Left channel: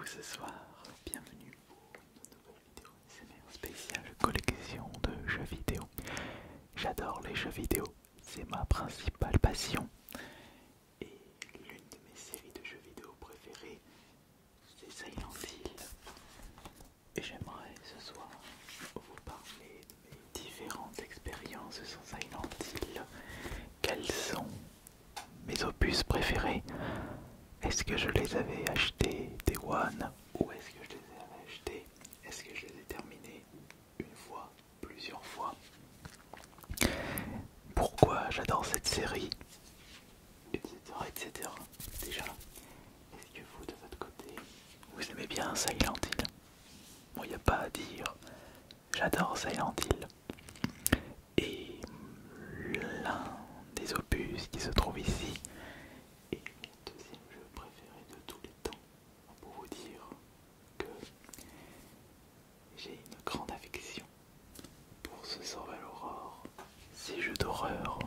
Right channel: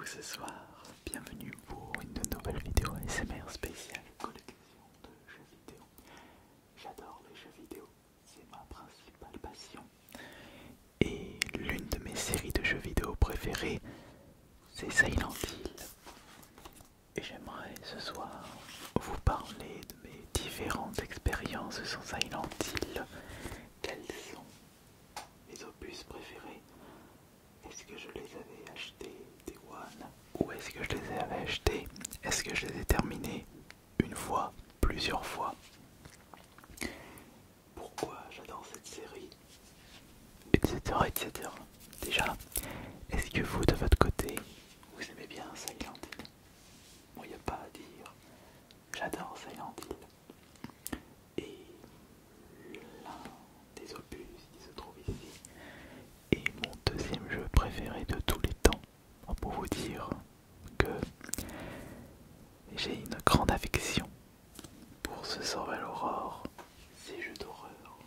vous ce soir, bienvenue pour une nouvelle vidéo ASMR spéciale collection de jeux vidéo. J'adore les jeux vidéo, c'est ma principale passion. Et l'une de mes séries de jeux vidéo préférées, c'est Silent Hill. Et j'aimerais ce soir vous parler de mes différentes expériences sur Silent Hill. Quels sont mes opus préférés? Est-ce que je les avais achetés Day One ou est-ce que je les avais achetés? Est-ce que je les ai terminés une fois, plusieurs fois? Pourquoi j'adore cette série, etc., etc. Déjà, est-ce que vous de votre côté, vous aimez bien Silent Hill? Bon, il n'y a pas à dire, j'adore Silent Hill. Et l'un des opus qui se trouve ici est mon deuxième jeu préféré de tous les temps. Pour vous dire que j'ai une grande affection pour ce Survival Horror, ces jeux d'horreur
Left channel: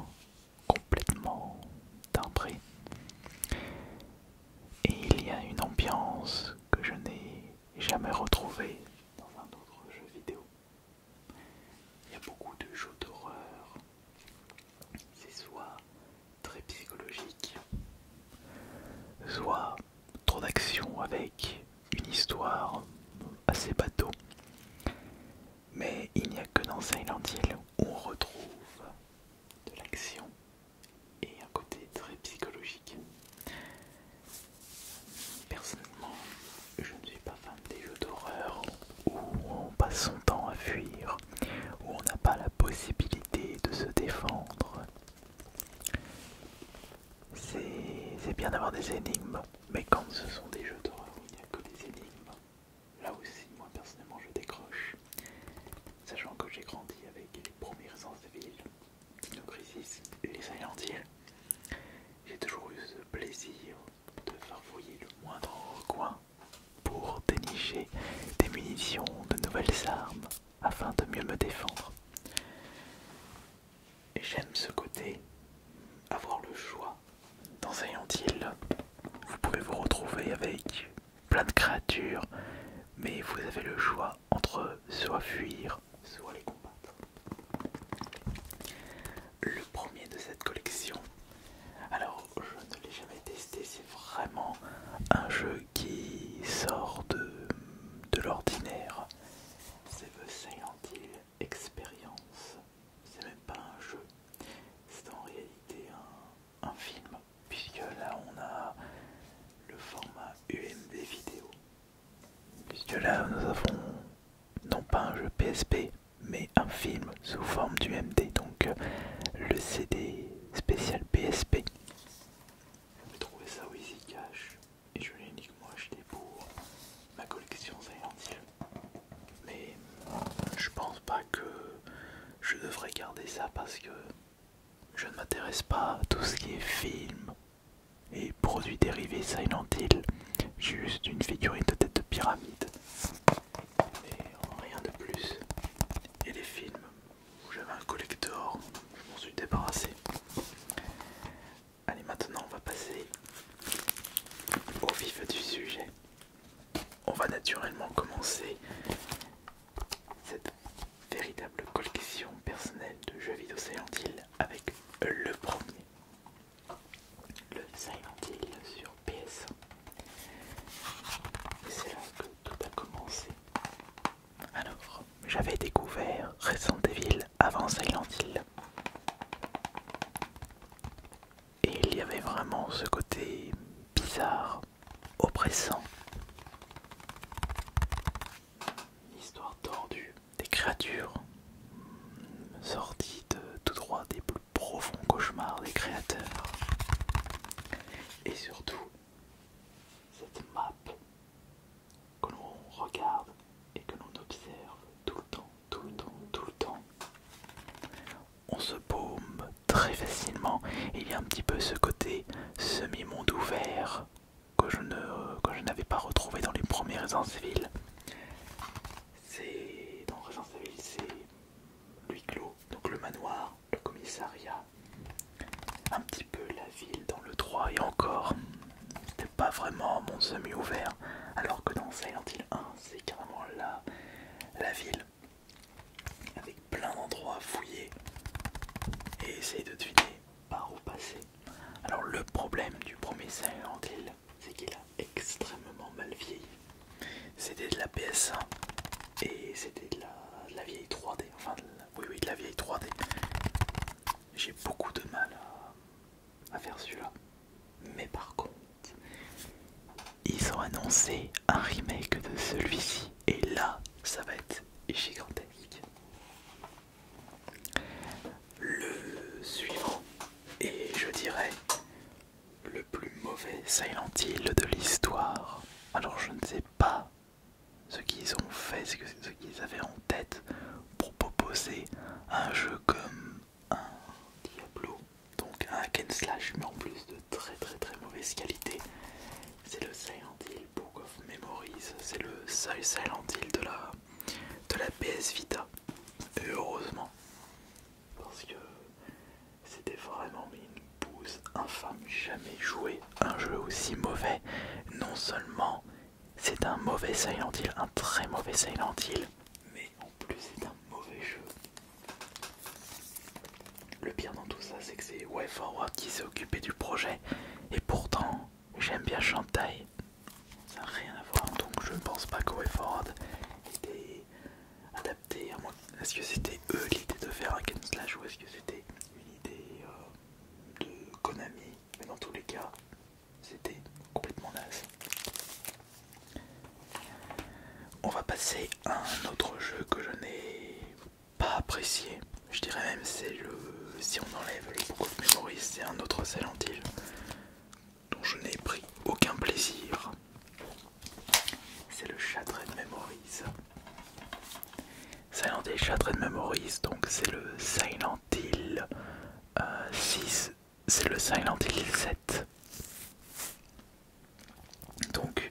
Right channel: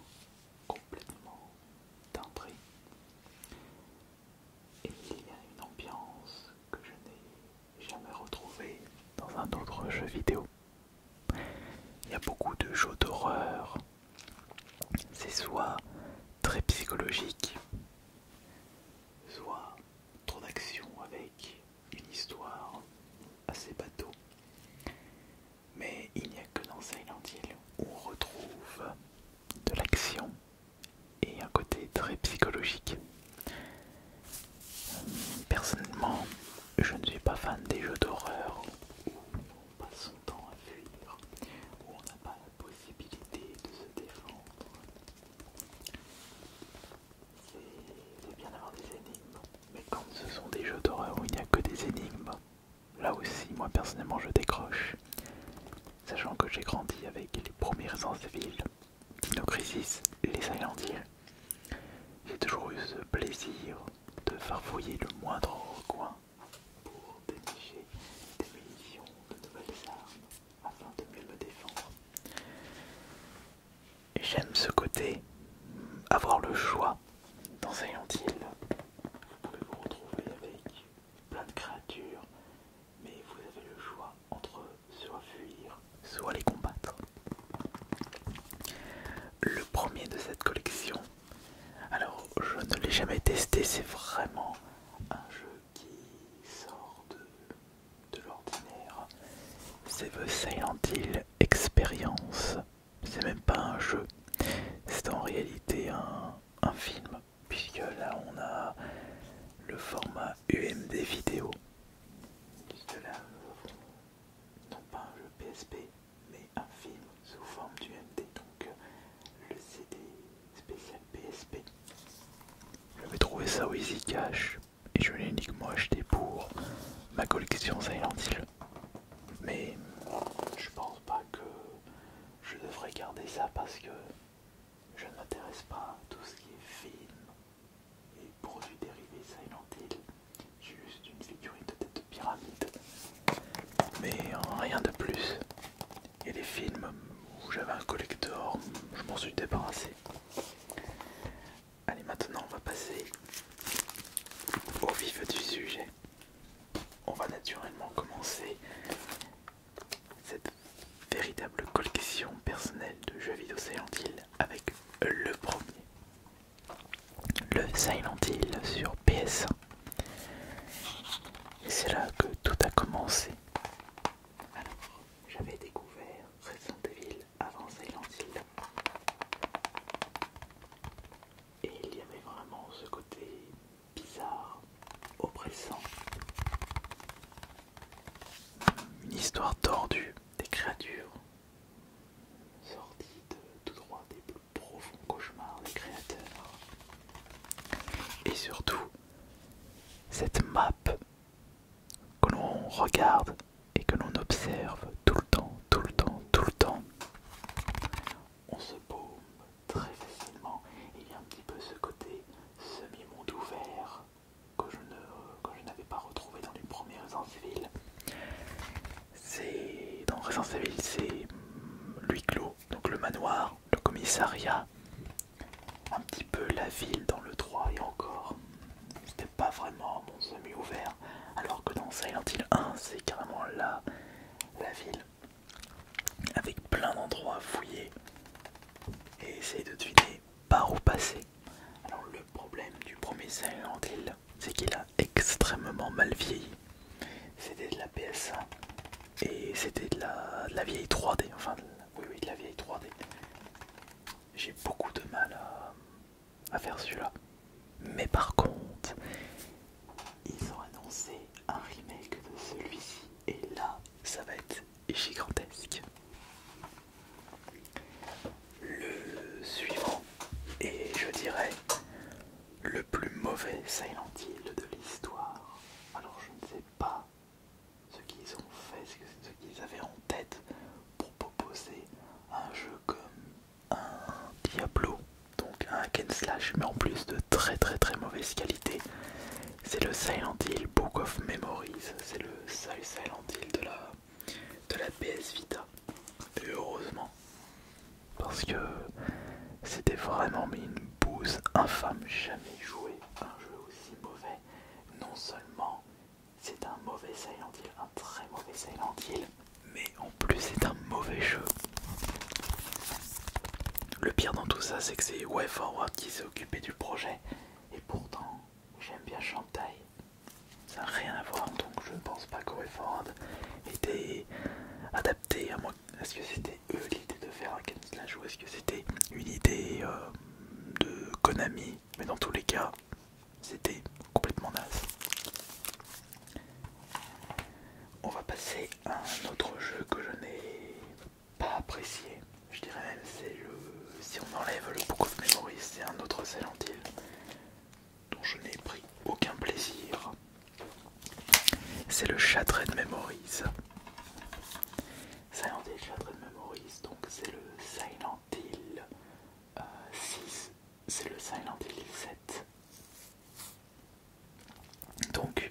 complètement timbrés. Et il y a une ambiance que je n'ai jamais retrouvée dans un autre jeu vidéo. Il y a beaucoup de jeux d'horreur, c'est soit très psychologique, soit trop d'action avec une histoire assez bateau. Mais il n'y a que dans Silent Hill où on retrouve de l'action et un côté très psychologique. Personnellement, je ne suis pas fan des jeux d'horreur où on passe son temps à fuir, où on n'a pas la possibilité de se défendre. C'est bien d'avoir des énigmes, mais quand ce sont des jeux d'horreur où il n'y a que des énigmes, là aussi, moi personnellement, je décroche. Sachant que j'ai grandi avec les premiers Resident Evil, Dino Crisis, les Silent Hill, j'ai toujours eu ce plaisir de farfouiller le moindre recoin pour dénicher des munitions, de nouvelles armes, afin de mieux me défendre. J'aime ce côté, avoir le choix. Dans Silent Hill, vous pouvez vous retrouver avec plein de créatures, mais vous avez le choix entre soit fuir, soit les combattre. Le premier de cette collection, alors je ne l'ai jamais testé, c'est vraiment un jeu qui sort de l'ordinaire. C'est The Silent Hill Experience. C'est même pas un jeu, c'est en réalité un film, puisque là on a le format UMD vidéo. Puisque là nous avons non pas un jeu PSP, mais un film sous forme d'UMD, donc le CD spécial PSP. Je vais trouver ça au Easy Cash et je l'ai uniquement acheté pour ma collection Silent Hill. Mais je pense pas que je devrais garder ça parce que je ne m'intéresse pas à tout ce qui est film et produits dérivés Silent Hill. J'ai juste une figurine de tête de pyramide, mais rien de plus. Et les films où j'avais un collector, je m'en suis débarrassé. Allez, maintenant on va passer au vif du sujet. On va naturellement commencer cette véritable collection personnelle de jeux vidéo Silent Hill avec le premier, le Silent Hill sur PS1. Et c'est là que tout a commencé. Alors, j'avais découvert Resident Evil avant Silent Hill. Et il y avait vraiment ce côté bizarre, oppressant. Une histoire tordue, des créatures sorties de tout droit des plus profonds cauchemars des créateurs. Et surtout, cette map que l'on regarde et que l'on observe tout le temps, tout le temps, tout le temps. On se paume très facilement. Il y a un petit peu ce côté semi-monde ouvert que je n'avais pas retrouvé dans les premiers Resident Evil. Dans Resident Evil, c'est l'huis clos, donc le manoir, le commissariat, un petit peu la ville dans le 3 et encore. C'était pas vraiment un monde semi-ouvert, alors que dans Silent Hill 1 c'est carrément la ville, avec plein d'endroits à fouiller et essayer de deviner par où passer. Alors le problème du premier Silent Hill, c'est qu'il a extrêmement mal vieilli. C'était de la PS1 et c'était de la vieille 3D, enfin oui de la vieille 3D. J'ai beaucoup de mal à faire celui-là. Mais par contre, ils ont annoncé un remake de celui-ci et là, ça va être gigantesque. Le suivant est, je dirais, le plus mauvais Silent Hill de l'histoire. Alors je ne sais pas ce qu'ils ont fait, ce qu'ils avaient en tête pour proposer un jeu comme un Diablo, donc un hack and slash, mais en plus de très mauvaise qualité. C'est le Silent Hill Book of Memories, c'est le seul Silent Hill de la PS Vita. Et heureusement, parce que c'était vraiment une bouse infâme. Jamais joué un jeu aussi mauvais. Non seulement c'est un mauvais Silent Hill, un très mauvais Silent Hill, mais en plus c'est un mauvais jeu. Le pire dans tout ça, c'est que c'est WayForward qui s'est occupé du projet, et pourtant j'aime bien Shantae. Ça n'a rien à voir, donc je ne pense pas que WayForward était adapté à moi. Est-ce que c'était eux l'idée de faire un hack and slash ou est-ce que c'était une idée de Konami? Mais dans tous les cas, c'était complètement naze. On va passer à un autre jeu que je n'ai pas apprécié. Je dirais même c'est si on enlève le Book of Memories, c'est un autre Silent Hill dont je n'ai pris aucun plaisir. C'est le Shattered Memories. Silent Hill Shattered Memories, donc c'est le Silent Hill 6, c'est le Silent Hill 7. Donc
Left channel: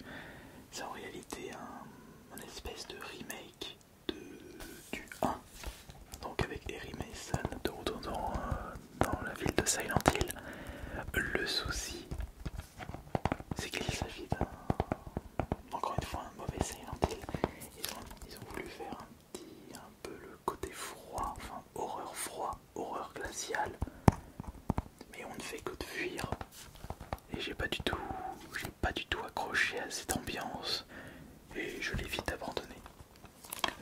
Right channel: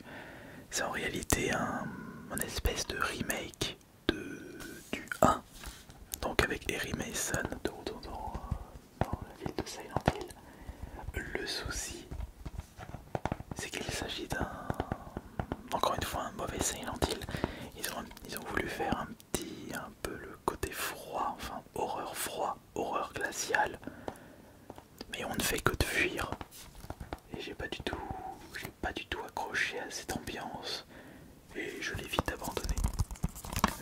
c'est en réalité un espèce de remake du 1, donc avec Harry Mason de retour dans la ville de Silent Hill. Le souci, c'est qu'il s'agit encore une fois, un mauvais Silent Hill. Ils ont voulu faire un peu le côté froid, enfin horreur froid, horreur glaciale, mais on ne fait que de fuir. Et j'ai pas du tout accroché à cette ambiance et je l'ai vite abandonné.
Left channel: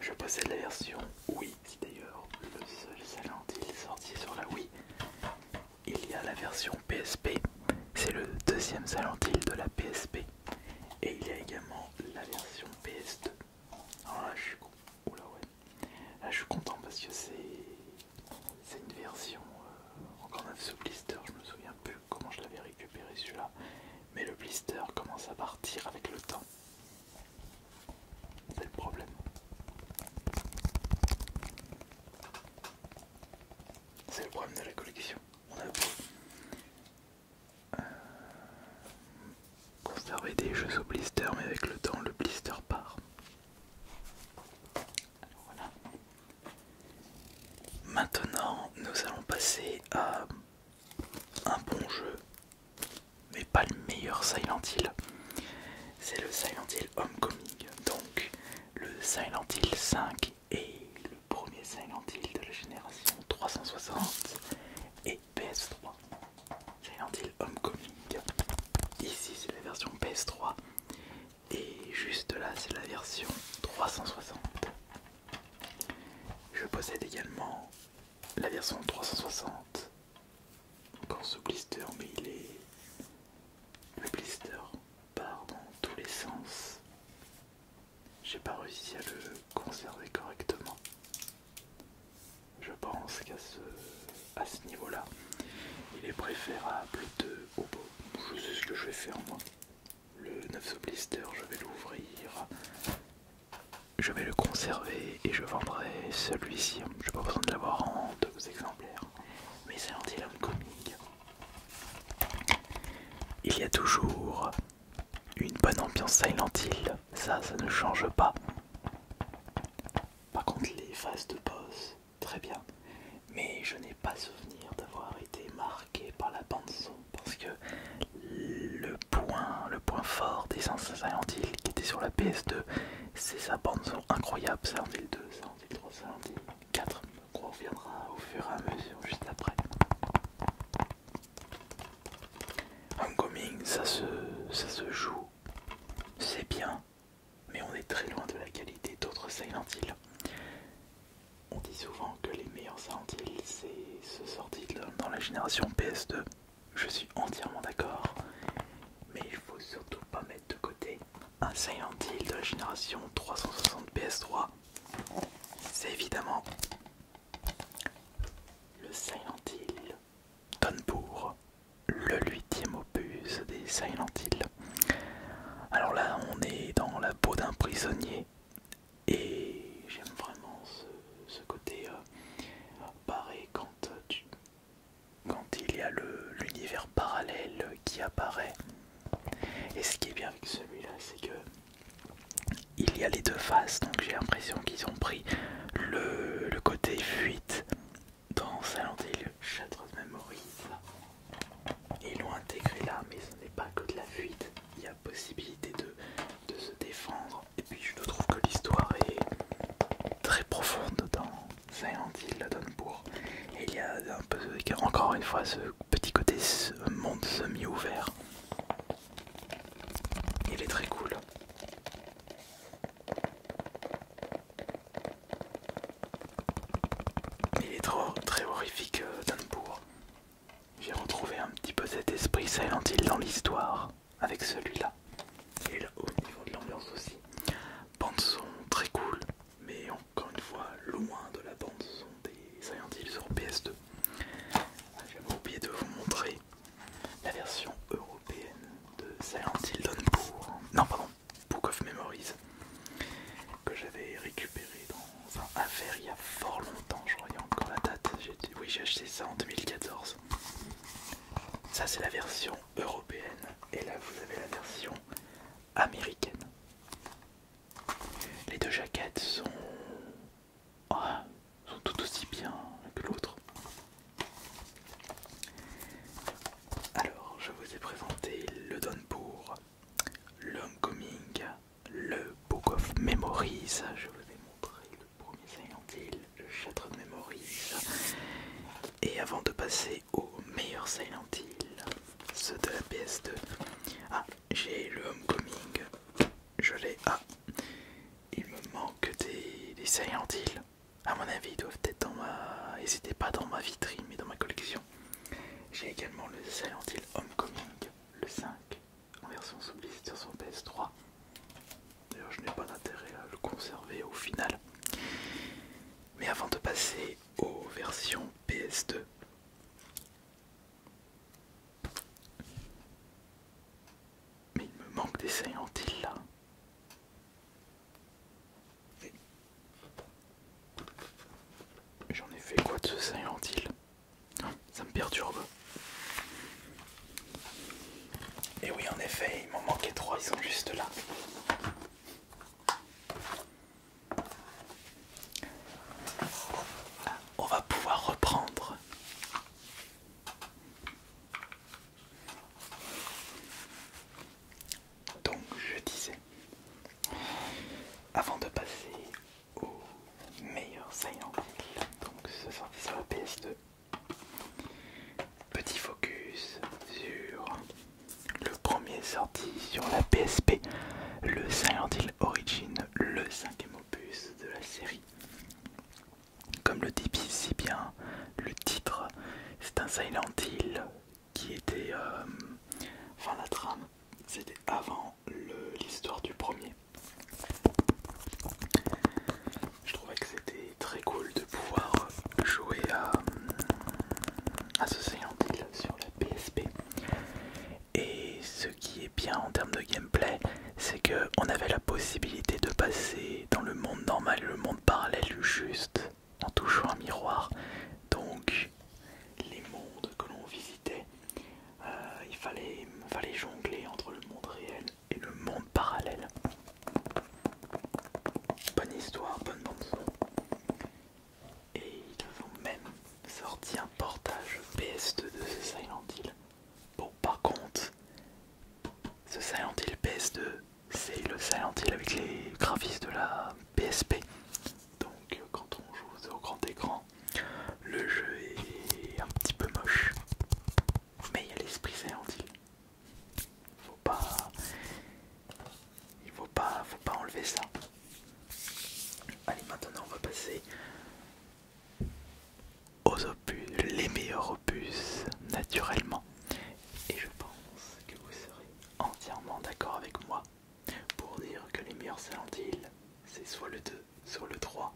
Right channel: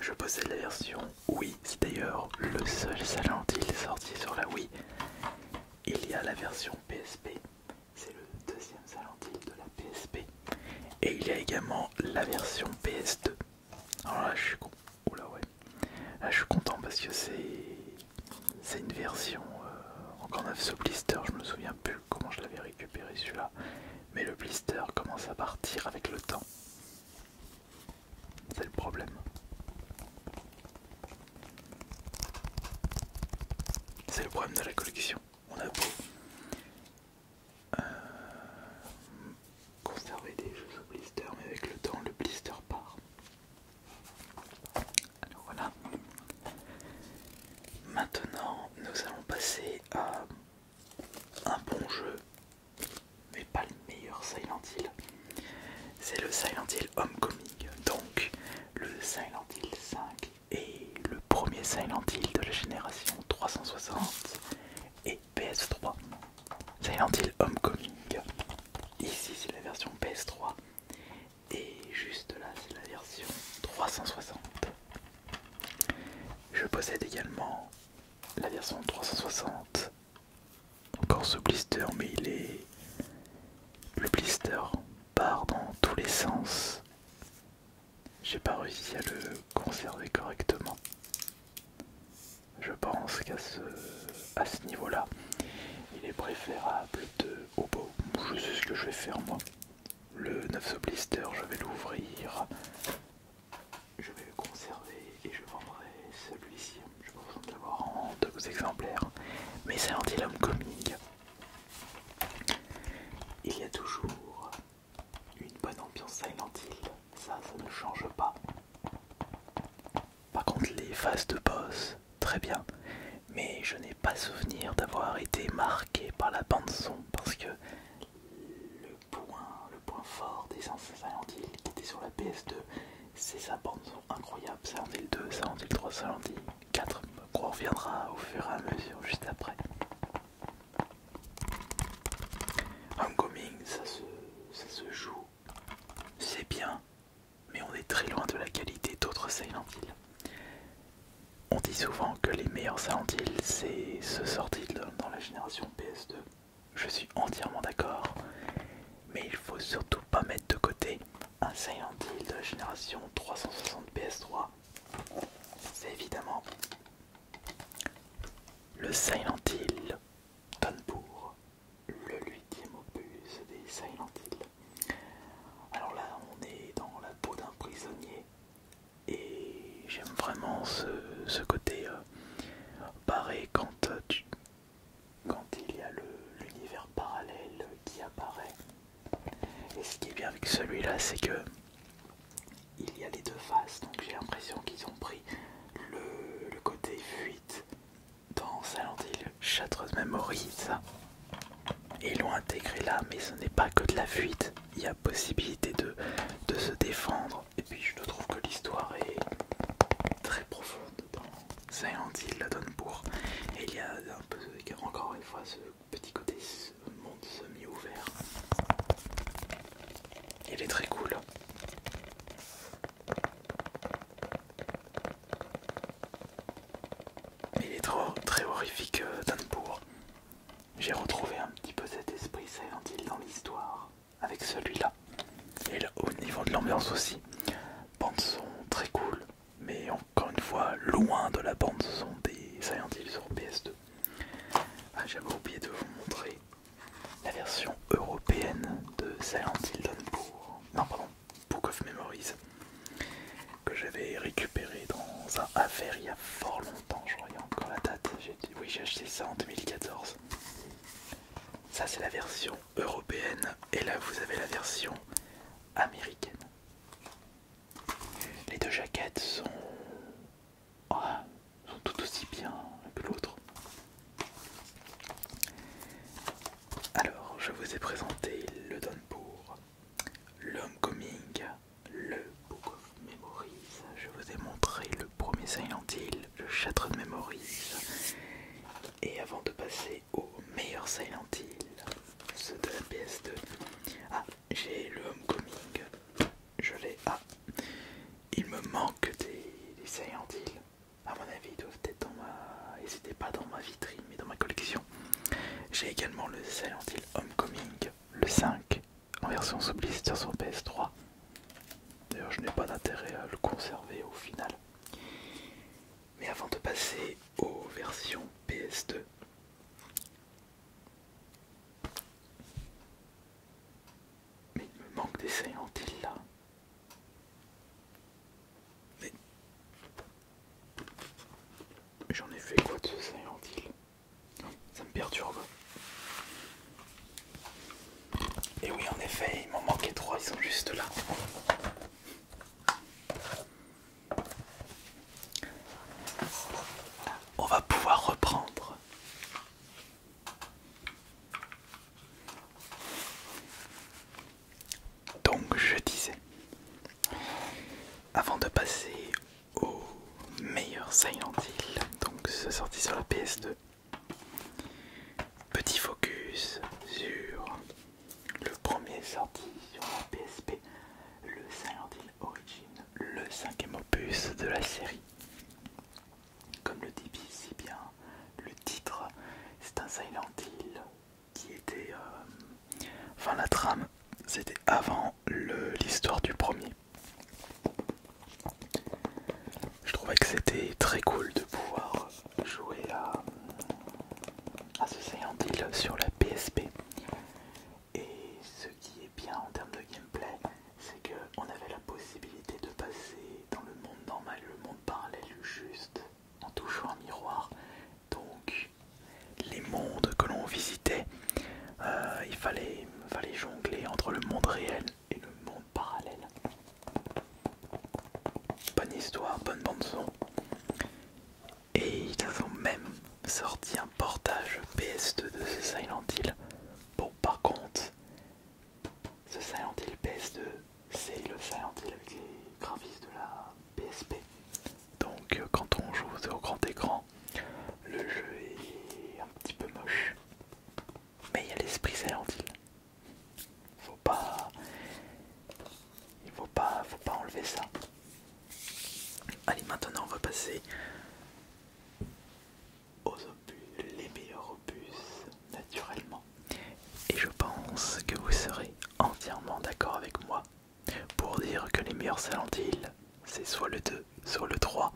Je possède la version Wii, c'est d'ailleurs le seul Silent Hill sorti sur la Wii. Il y a la version PSP, c'est le deuxième Silent Hill de la PSP. Et il y a également la version PS2. Alors là, là, je suis content parce que c'est une version encore neuf sous blister. Je me souviens plus comment je l'avais récupéré celui-là. Mais le blister commence à partir avec le temps. C'est le problème. C'est le problème de la collection. On a beau conserver des jeux sous blister, mais avec le temps, le blister part. Alors voilà. Maintenant, nous allons passer à un bon jeu, mais pas le meilleur Silent Hill. C'est le Silent Hill Homecoming, donc le Silent Hill 5 est le premier Silent Hill de la génération 360 et PS3. Silent Hill Homecoming, ici c'est la version PS3 et juste là c'est la version 360. Je possède également la version 360, encore ce blister, mais le blister part dans tous les sens. J'ai pas réussi à le conserver correctement. Je pense qu'à ce niveau-là, il est préférable je sais ce que je vais faire moi. Le 9 blister, je vais l'ouvrir, je vais le conserver et je vendrai celui-ci. Je n'ai pas besoin de l'avoir en 2 exemplaires. Mais c'est Silent Homecoming. Il y a toujours une bonne ambiance Silent Hill, ça ne change pas. Par contre les phases de boss, très bien. Mais je n'ai pas souvenir d'avoir été marqué par la bande son parce que le point points forts des anciens Silent Hill qui étaient sur la PS2, c'est sa bande son incroyable. Silent Hill 2, Silent Hill 3, Silent Hill 4, on reviendra au fur et à mesure juste après. Homecoming, ça se joue, c'est bien, mais on est très loin de la qualité d'autres Silent Hill. On dit souvent que les meilleurs Silent Hill, c'est ceux sortis dans la génération PS2. Je suis entièrement d'accord, mais il faut surtout pas mettre de côté un Silent Hill de la génération 360 PS3. C'est évidemment le Silent Hill Downpour, le 8e opus des Silent Hill. Alors là, on est dans la peau d'un prisonnier et j'aime vraiment ce côté barré quand il y a l'univers parallèle qui apparaît. Et ce qui est bien avec celui-là, c'est que il y a les deux faces, donc j'ai l'impression qu'ils ont pris le côté fuite dans Silent Hill Shattered Memories et ils l'ont intégré là, mais ce n'est pas que de la fuite, il y a possibilité de se défendre. Et puis je trouve que l'histoire est très profonde dans Silent Hill Downpour. Et il y a un peu, encore une fois, ce petit côté monde semi-ouvert. Il est très cool. Il est très horrifique, Downpour. J'ai retrouvé un petit peu cet esprit Silent Hill dans l'histoire avec celui-là. Et là, au niveau de l'ambiance aussi, bande son très cool, mais encore une fois loin de la bande son des Silent Hill sur PS2. Ah, j'avais oublié de vous montrer la version européenne de Silent Hill Downpour. Non, pardon, Book of Memories, que j'avais récupéré dans un affaire il y a fort longtemps, je crois, il y a encore la date. Oui, j'ai acheté ça en 2014. Ça, c'est la version européenne, et là, vous avez la version américaine. Les deux jaquettes sont tout aussi bien que l'autre. Alors, je vous ai présenté le Downpour, le Homecoming, le Book of Memories. Je vous ai montré le premier Silent Hill, le Shattered Memories. Et avant de passer au meilleur Silent Hill, ceux de la PS2, j'ai le Homecoming. Je l'ai. Il me manque des Silent Hill. À mon avis, ils doivent être dans ma... Ils n'étaient pas dans ma vitrine, mais dans ma collection. J'ai également le Silent Hill Homecoming, le 5, en version sous blister sur PS3. D'ailleurs, je n'ai pas d'intérêt à le conserver au final. Mais avant de passer aux versions PS2, mais il me manque des Silent Hill là. Mais j'en ai fait quoi de ce Silent Hill? Ça me perturbe. Et oui, en effet, il m'en manquait 3, ils sont juste là. On va pouvoir reprendre. Donc, je disais, avant de passer au meilleur Silent Hill, donc c'est sorti sur la PS2, petit focus sur le premier sorti sur la PSP, le Silent Hill Origin, le 5e opus de la série. Comme le dit si bien le titre, c'est un Silent Hill qui était... enfin, la trame, c'était avant l'histoire du premier. Je trouvais que c'était très cool de pouvoir jouer à ce Silent Hill sur la PSP. Et ce qui est bien en termes de gameplay, c'est qu'on avait la possibilité de passer dans le monde normal et le monde parallèle juste en touchant un miroir. Donc les mondes que l'on visitait, il fallait jongler entre le monde réel et le monde parallèle. Bonne histoire, bonne bande son. Et ils ont même sorti un portage PS2 de ce Silent Hill. Bon, par contre, ce Silent Hill Silent Hill avec les graphismes de la PSP. Donc quand on joue au grand écran, le jeu est un petit peu moche. Mais il y a l'esprit Silent Hill. Faut pas... faut pas enlever ça. Allez, maintenant on va passer aux opus, les meilleurs opus, naturellement. Et je pense que vous serez entièrement d'accord avec moi pour dire que les meilleurs Silent Hill, c'est soit le 2, soit le 3,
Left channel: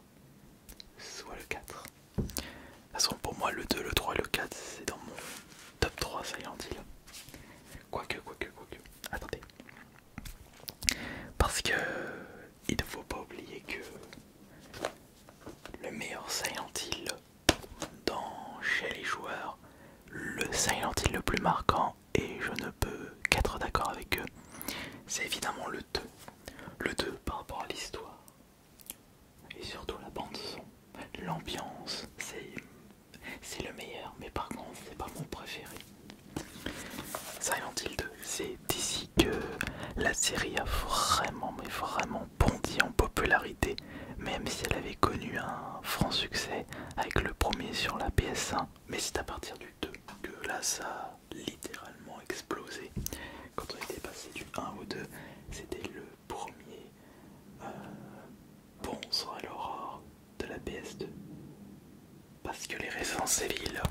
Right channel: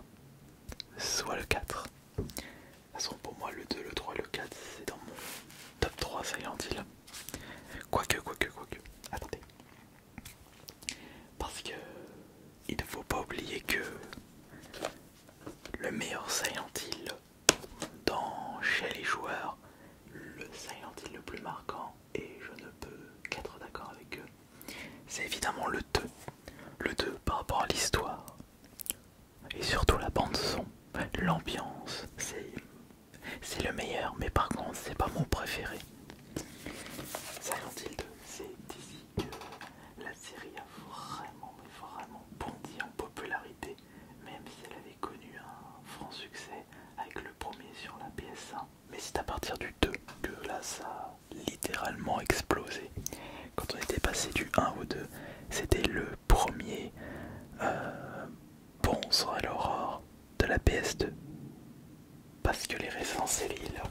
soit le 4. De toute façon, pour moi, le 2, le 3 et le 4, c'est dans mon top 3 Silent Hill. Quoique. Attendez. Parce que il ne faut pas oublier que le meilleur Silent Hill chez les joueurs, le Silent Hill le plus marquant, et je ne peux qu'être d'accord avec eux, c'est évidemment le 2. Le 2 par rapport à l'histoire, et surtout la bande son, l'ambiance, c'est le meilleur, mais par contre c'est pas mon préféré. Silent Hill 2, c'est d'ici que la série a vraiment, mais vraiment bondi en popularité, même si elle avait connu un franc succès avec le premier sur la PS1, mais c'est à partir du 2 que là ça a littéralement explosé. Quand on était passé du 1 au 2, c'était le premier bon son à l'aurore de la PS2. Parce que les Resident Evil,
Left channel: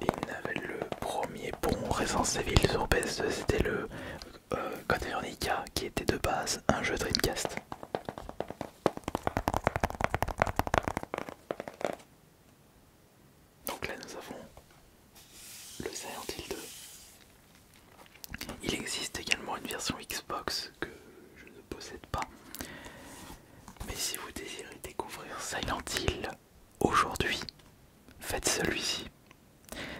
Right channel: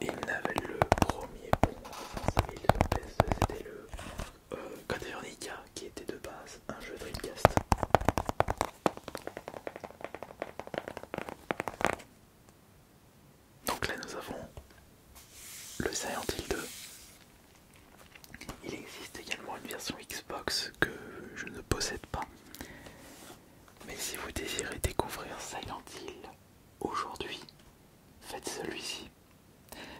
le premier bon Resident Evil sur PS2, c'était le Code Veronica, qui était de base un jeu Dreamcast. Donc là nous avons le Silent Hill 2. Il existe également une version Xbox que je ne possède pas. Mais si vous désirez découvrir Silent Hill aujourd'hui, faites celui-ci.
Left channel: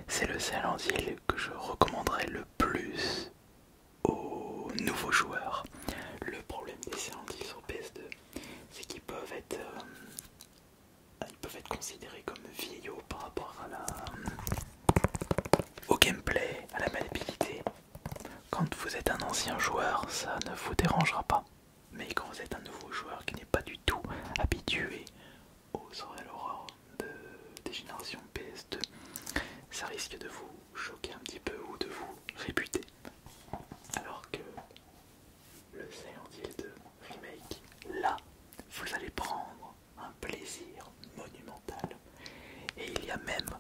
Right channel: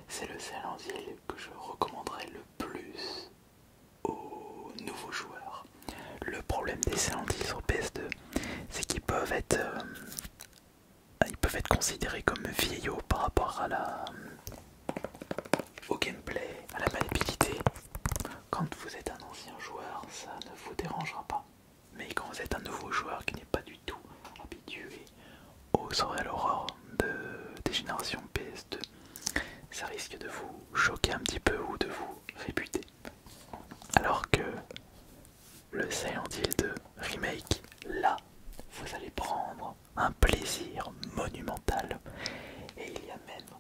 C'est le Silent Hill que je recommanderais le plus aux nouveaux joueurs. Le problème des Silent Hill sur PS2, c'est qu'ils peuvent être considérés comme vieillots par rapport à au gameplay, à la maniabilité. Quand vous êtes un ancien joueur, ça ne vous dérangera pas. Mais quand vous êtes un nouveau joueur qui n'est pas du tout habitué aux soirées à l'aurore des générations PS2, ça risque de vous choquer un petit peu ou de vous réputer. Alors que le Silent Hill 2 Remake, là, vous allez prendre un plaisir monumental. Et il y a même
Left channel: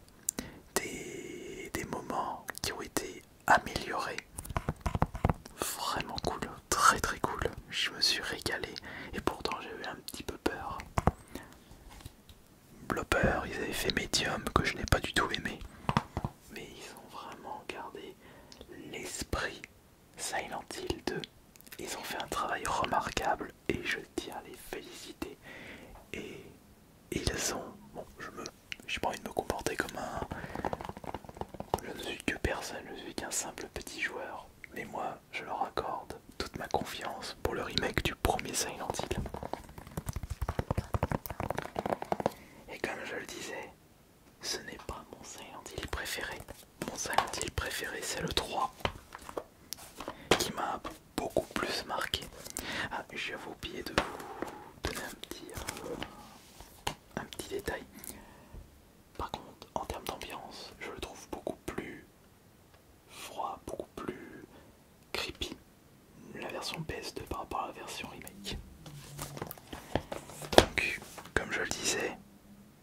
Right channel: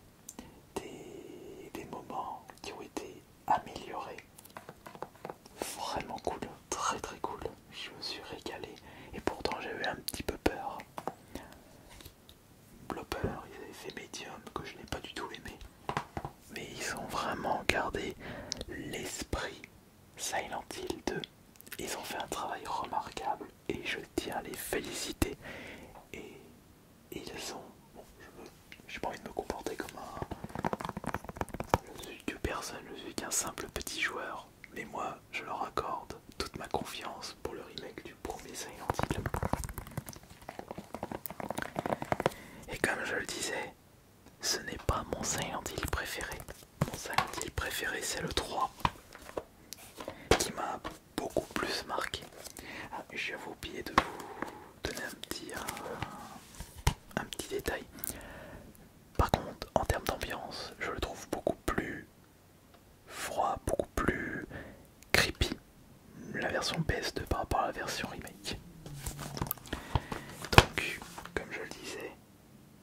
des moments qui ont été améliorés. Vraiment cool, très très cool. Je me suis régalé et pourtant j'ai eu un petit peu peur. Blopper, ils avaient fait Medium que je n'ai pas du tout aimé. Mais ils ont vraiment gardé l'esprit Silent Hill 2. Ils ont fait un travail remarquable et je tiens à les féliciter. Et ils ont... Bon, j'ai pas envie de me comporter comme je ne suis que personne, je suis qu'un simple petit joueur. Mais moi, je leur accorde toute ma confiance pour le remake du premier Silent Hill. Et comme je le disais, ce n'est pas mon Silent Hill préféré. Mon Silent Hill préféré, c'est le 3, qui m'a beaucoup plus marqué. Ah, j'avais oublié de vous donner un petit détail. Par contre, en termes d'ambiance, je le trouve beaucoup plus froid, beaucoup plus creepy, la version PS2 par rapport à la version remake. Donc, comme je le disais,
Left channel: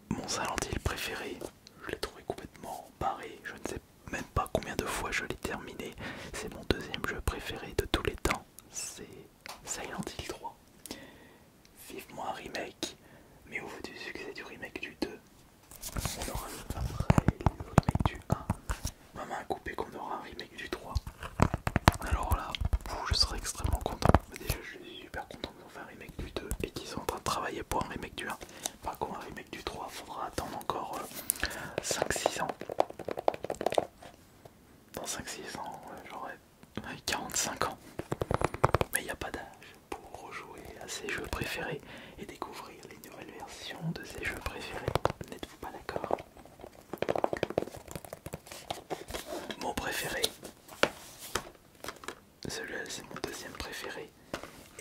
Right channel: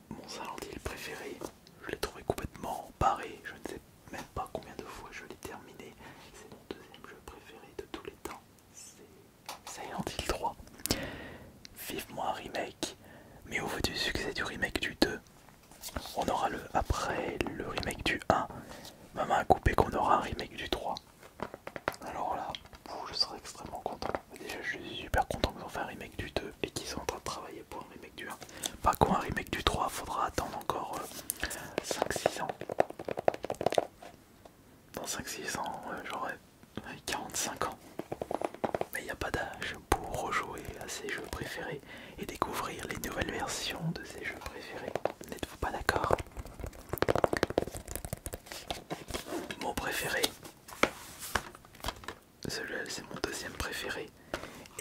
mon Silent Hill préféré, je l'ai trouvé complètement barré, je ne sais même pas combien de fois je l'ai terminé. C'est mon deuxième jeu préféré de tous les temps, c'est Silent Hill 3. Vivement un remake, mais au vu du succès du remake du 2, on aura après le remake du 1, ma main a coupé qu'on aura un remake du 3. Alors là, je serais extrêmement content. Déjà, je suis super content qu'ils ont fait un remake du 2 et qu'ils sont en train de travailler pour un remake du 1. Pas quoi, un remake du 3, faudra attendre encore 5-6 ans. Dans 5-6 ans, j'aurai 45 ans. Mais il n'y a pas d'âge pour rejouer à ses jeux préférés et découvrir les nouvelles versions de ses jeux préférés. N'êtes-vous pas d'accord? Mon préféré, celui-là c'est mon deuxième préféré,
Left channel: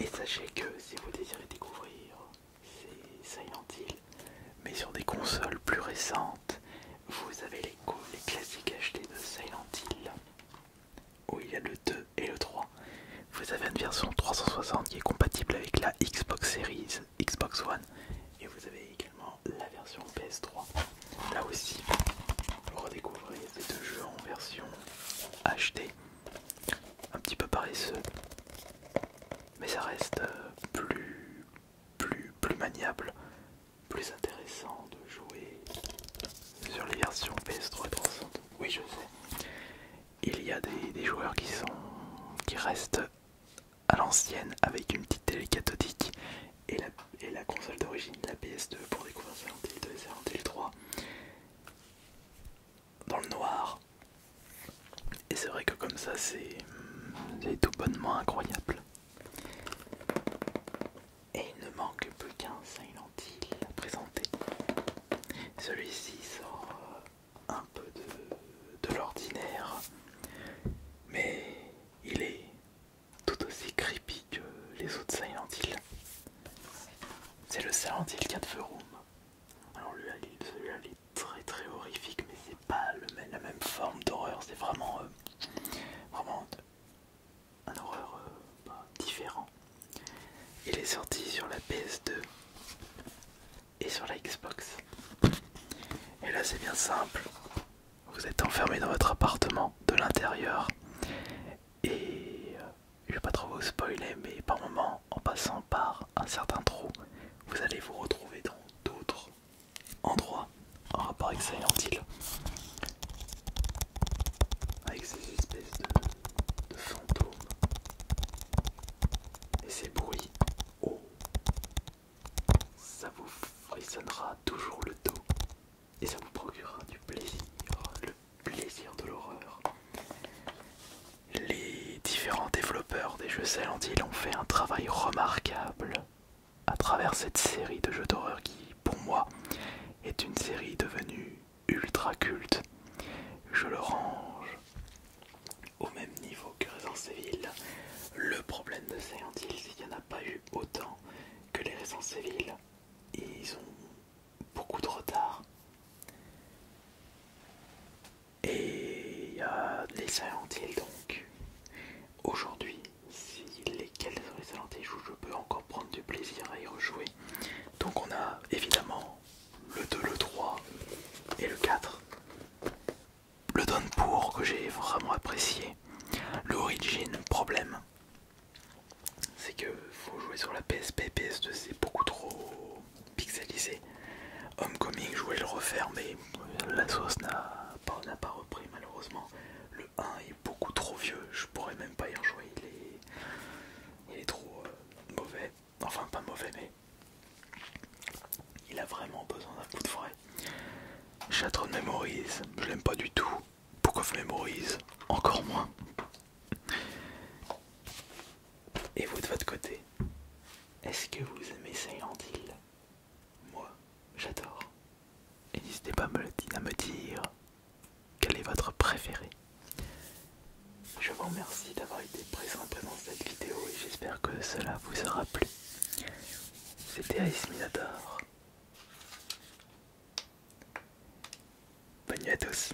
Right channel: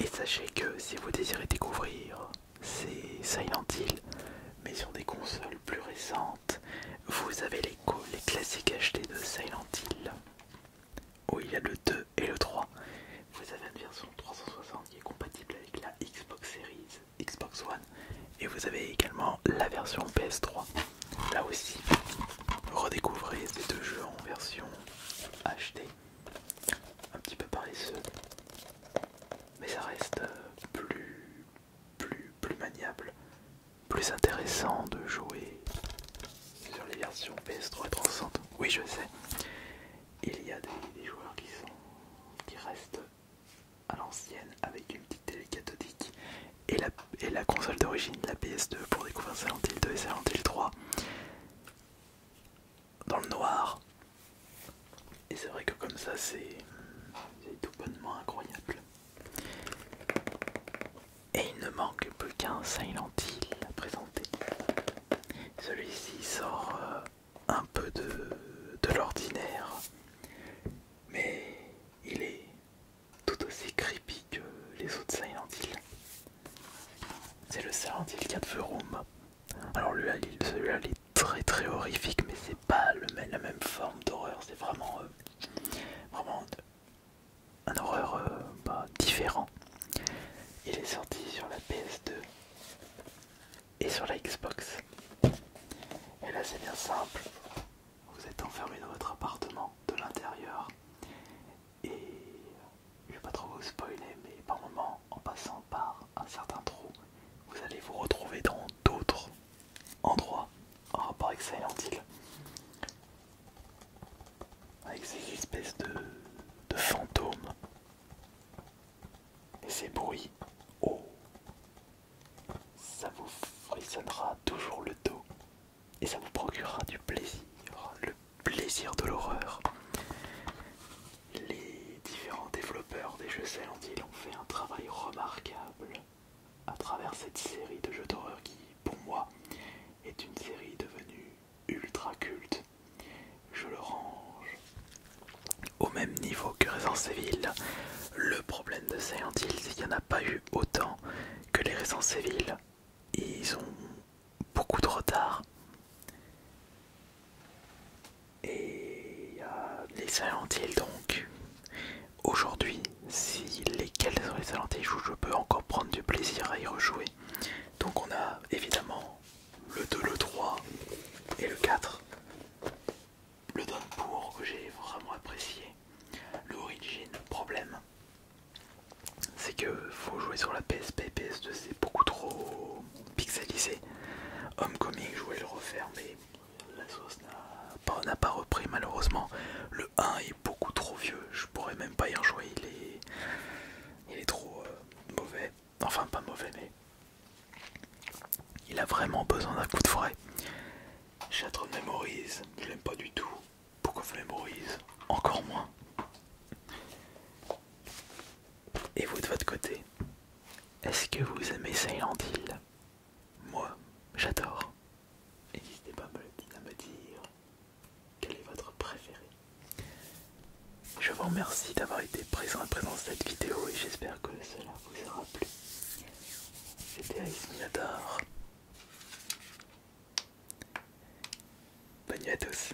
Et sachez que si vous désirez découvrir ces Silent Hill, mais sur des consoles plus récentes, vous avez les classiques HD de Silent Hill, où il y a le 2 et le 3. Vous avez une version 360 qui est compatible avec la Xbox Series, Xbox One, et vous avez également la version PS3. Là aussi, redécouvrez ces deux jeux en version HD, un petit peu paresseux, mais ça reste plus maniable, plus intéressant de jouer sur les versions PS3 et 360. Oui, je sais, il y a des joueurs qui restent à l'ancienne avec une petite télé cathodique et la console d'origine, la PS2, pour découvrir Silent Hill 2 et Silent Hill 3 dans le noir. Et c'est vrai que comme ça c'est tout bonnement incroyable. Et il ne manque plus qu'un Silent Hill à présenter. Celui-ci sort un peu de l'ordinaire, mais il est tout aussi creepy que les autres Silent Hill. C'est le Silent Hill 4 The Room. Alors celui-là il est très horrifique, mais c'est pas la même forme d'horreur, c'est vraiment un horreur différent. Il est sorti sur la PS2 et sur la Xbox. Et là c'est bien simple, vous êtes enfermé dans votre appartement de l'intérieur et je vais pas trop vous spoiler, mais par moment, en passant par un certain trou, vous allez vous retrouver dans d'autres endroits en rapport avec Silent Hill, avec ces espèces de fantômes, ces bruits. Oh, ça vous frissonnera toujours le dos et ça vous procurera du plaisir, le plaisir de l'horreur. Les différents développeurs des jeux Silent Hill ont fait un travail remarquable à travers cette série de jeux d'horreur qui, pour moi, est une série devenue ultra culte. Je le range au même niveau que Resident Evil. Le problème de Silent Hill, c'est qu'il n'y en a pas eu autant que les Resident Evil. Ils ont beaucoup de retard. Et il y a les Silent Hill, donc aujourd'hui, si lesquels sont les Silent Hill, je peux encore prendre du plaisir à y rejouer. Donc on a évidemment le 2, le 3 et le 4. Le Downpour que j'ai vraiment apprécié. L'Origin, problème, c'est que faut jouer sur la PSP, PS2 c'est beaucoup trop pixelisé. Homecoming, je voulais le refaire mais la sauce n'a pas repris malheureusement. Le 1 est beaucoup trop vieux, je pourrais même pas y rejouer, il est trop mauvais. Enfin pas mauvais mais il a vraiment besoin d'un coup de frais. Shattered Memories, je l'aime pas du tout. Book of Memories, encore moins. Et vous de votre côté, est-ce que vous aimez Silent Hill? Moi, j'adore. Et n'hésitez pas à me dire quel est votre préféré. Je vous remercie d'avoir été présent dans cette vidéo et j'espère que cela vous aura plu. C'était Ice Minador. Bonne nuit à tous.